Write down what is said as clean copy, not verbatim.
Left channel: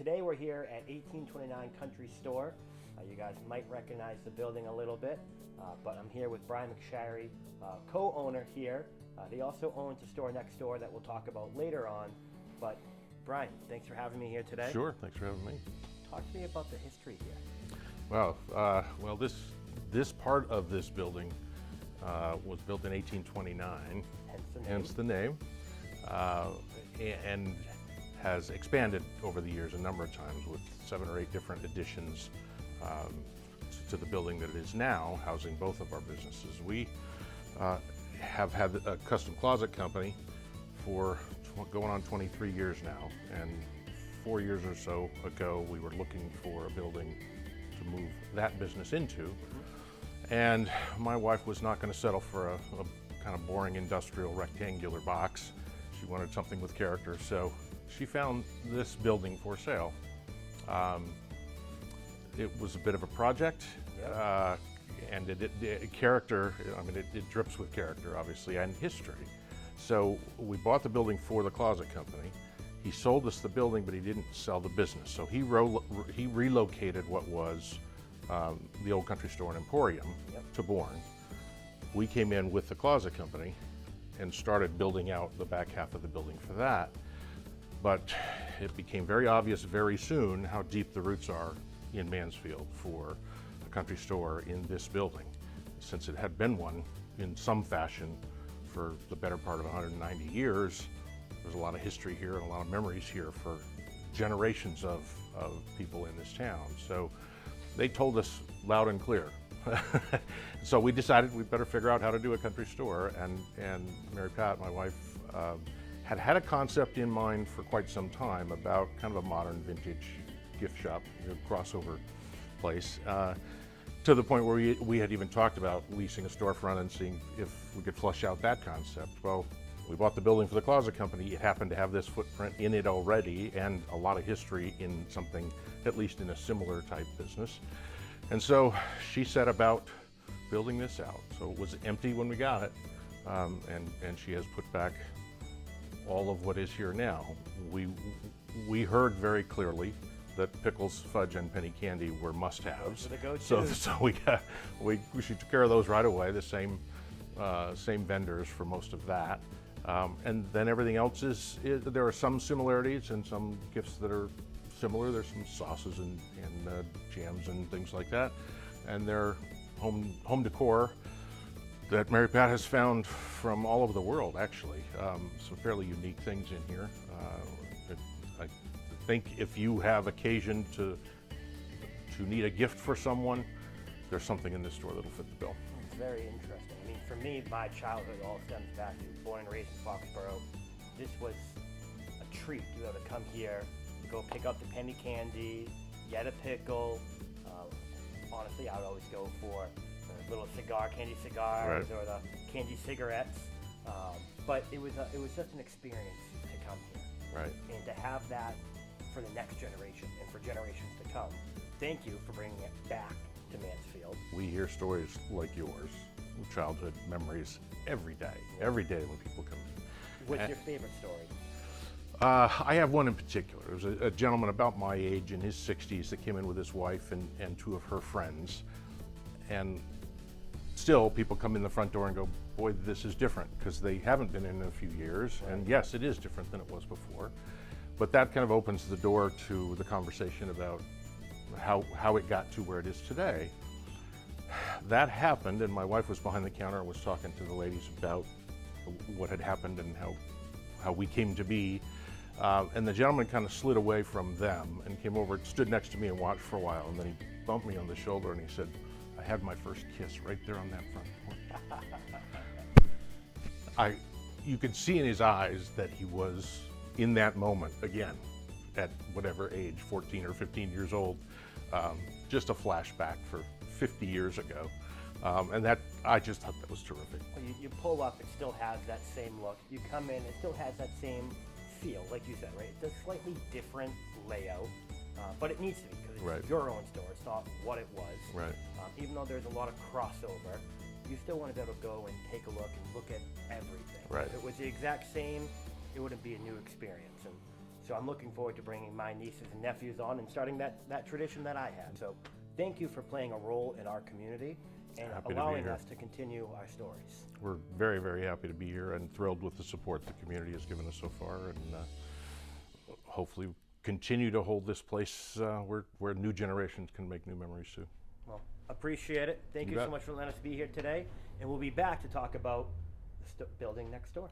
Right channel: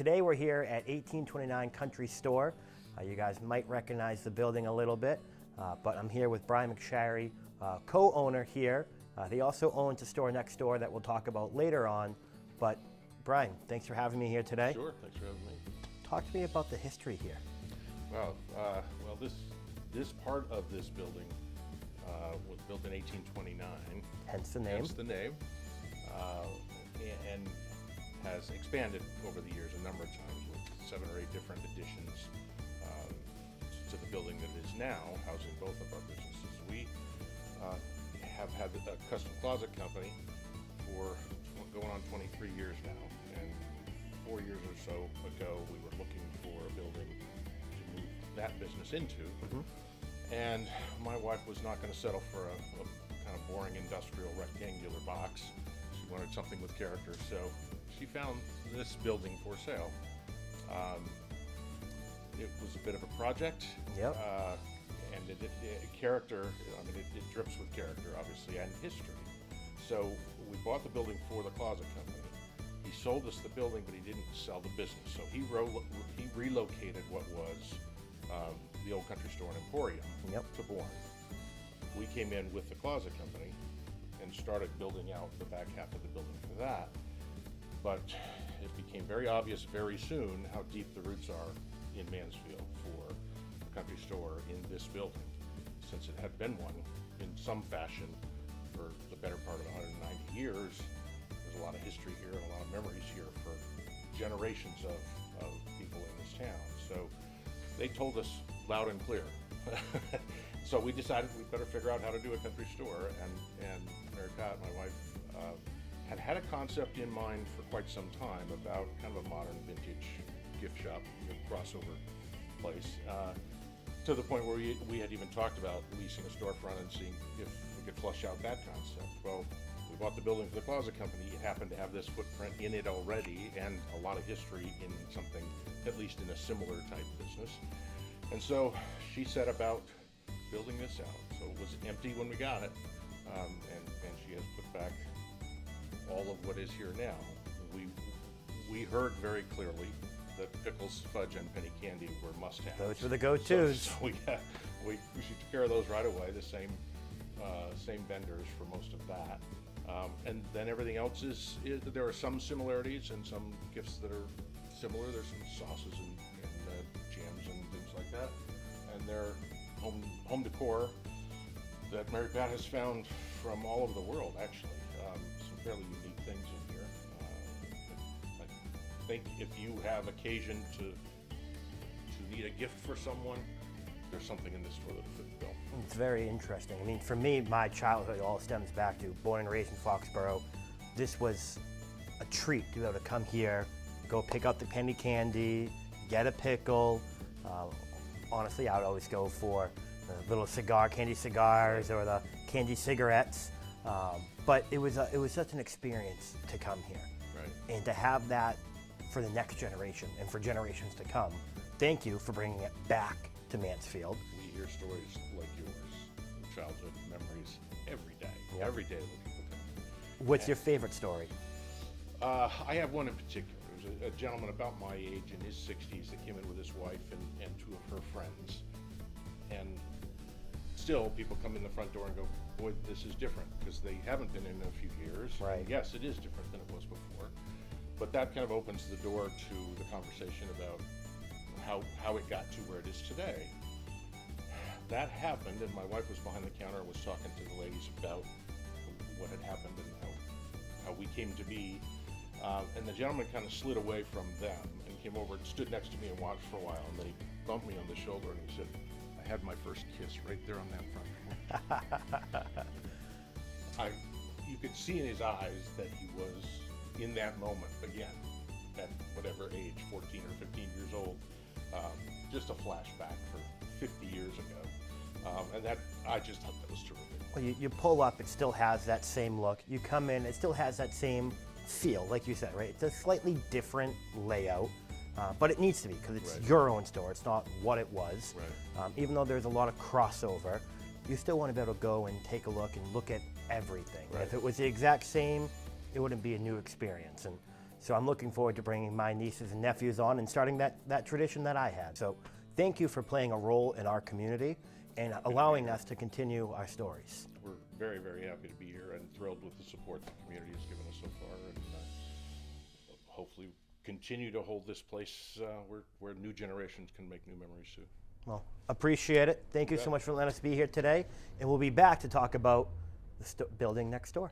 Today we're here at 1829 Country Store. You guys might recognize the building a little bit, but I'm here with Brian McSharry, co-owner here. He also owns a store next door that we'll talk about later on. But Brian, thanks for having me here today. Sure, thanks for having me. Talk to me about the history here. Well, this part of this building was built in 1829. Hence the name. Hence the name, and has expanded over the years a number of times with 7 or 8 different additions to the building that it is now, housing both of our businesses. We have had a custom closet company for going on 23 years now, and 4 years or so ago we were looking for a building to move that business into. And my wife was not going to settle for a kind of boring industrial rectangular box. She wanted something with character, so she found this building for sale. It was a bit of a project, and character, I mean, it drips with character, obviously, and history. So we bought the building for the closet company. He sold us the building, but he didn't sell the business. So he relocated what was the old Country Store and Emporium to Bourne. We came in with the closet company and started building out the back half of the building for that. But it became very obvious very soon how deep the roots are in Mansfield for a country store in this building, since it had been one in some fashion for the better part of 190 years. There's a lot of history here and a lot of memories here for generations of people in this town. So they told us loud and clear. So we decided we'd better figure out how to do a country store, and Mary Pat, my wife, had a concept in mind for quite some time about kind of a modern vintage gift shop, crossover place, to the point where we had even talked about leasing a storefront and seeing if we could flush out that concept. Well, we bought the building for the closet company. It happened to have this footprint in it already and a lot of history in something, at least in a similar type business. And so she set about building this out. So it was empty when we got it, and she has put back all of what is here now. We heard very clearly that pickles, fudge, and penny candy were must-haves. Those are the go-tos. So she took care of those right away. The same vendors for most of that, and then everything else is there are some similarities and some gifts that are similar. There's some sauces and jams and things like that, and they're home decor that Mary Pat has found from all over the world, actually. Some fairly unique things in here. I think if you have occasion to need a gift for someone, there's something in this store that'll fit the bill. It's very interesting. I mean, for me, my childhood all stems back to born and raised in Foxborough. This was a treat to be able to come here, go pick up the penny candy, get a pickle. Honestly, I would always go for the little candy cigars, or the candy cigarettes. But it was such an experience to come here, and to have that for the next generation and for generations to come. Thank you for bringing it back to Mansfield. We hear stories like yours, childhood memories, every day. Every day when people come in. What's your favorite story? I have one in particular. There was a gentleman about my age in his 60s that came in with his wife and 2 of her friends. And still, people come in the front door and go, boy, this is different, because they haven't been in a few years. Right. And yes, it is different than it was before. But that kind of opens the door to the conversation about how it got to where it is today. That happened, and my wife was behind the counter and was talking to the ladies about what had happened and how we came to be. And the gentleman kind of slid away from them and came over, stood next to me and watched for a while, and then he bumped me on the shoulder and he said, I had my first kiss right there on that front porch. You could see in his eyes that he was in that moment again, at whatever age, 14 or 15 years old, just a flashback for 50 years ago. And that, I just thought that was terrific. Well, you pull up, it still has that same look. You come in, it still has that same feel, like you said, right? It's a slightly different layout, but it needs to be, because it's your own store. It's not what it was. Right. Even though there's a lot of crossover, you still want to be able to go and take a look and look at everything. Right. If it was the exact same, it wouldn't be a new experience. And So I'm looking forward to bringing my nieces and nephews on and starting that tradition that I had. So thank you for playing a role in our community and allowing us to continue our stories. We're very, very happy to be here and thrilled with the support the community has given us so far, and hopefully continue to hold this place where new generations can make new memories too. Well, appreciate it. Thank you so much for letting us be here today, and we'll be back to talk about the building next door.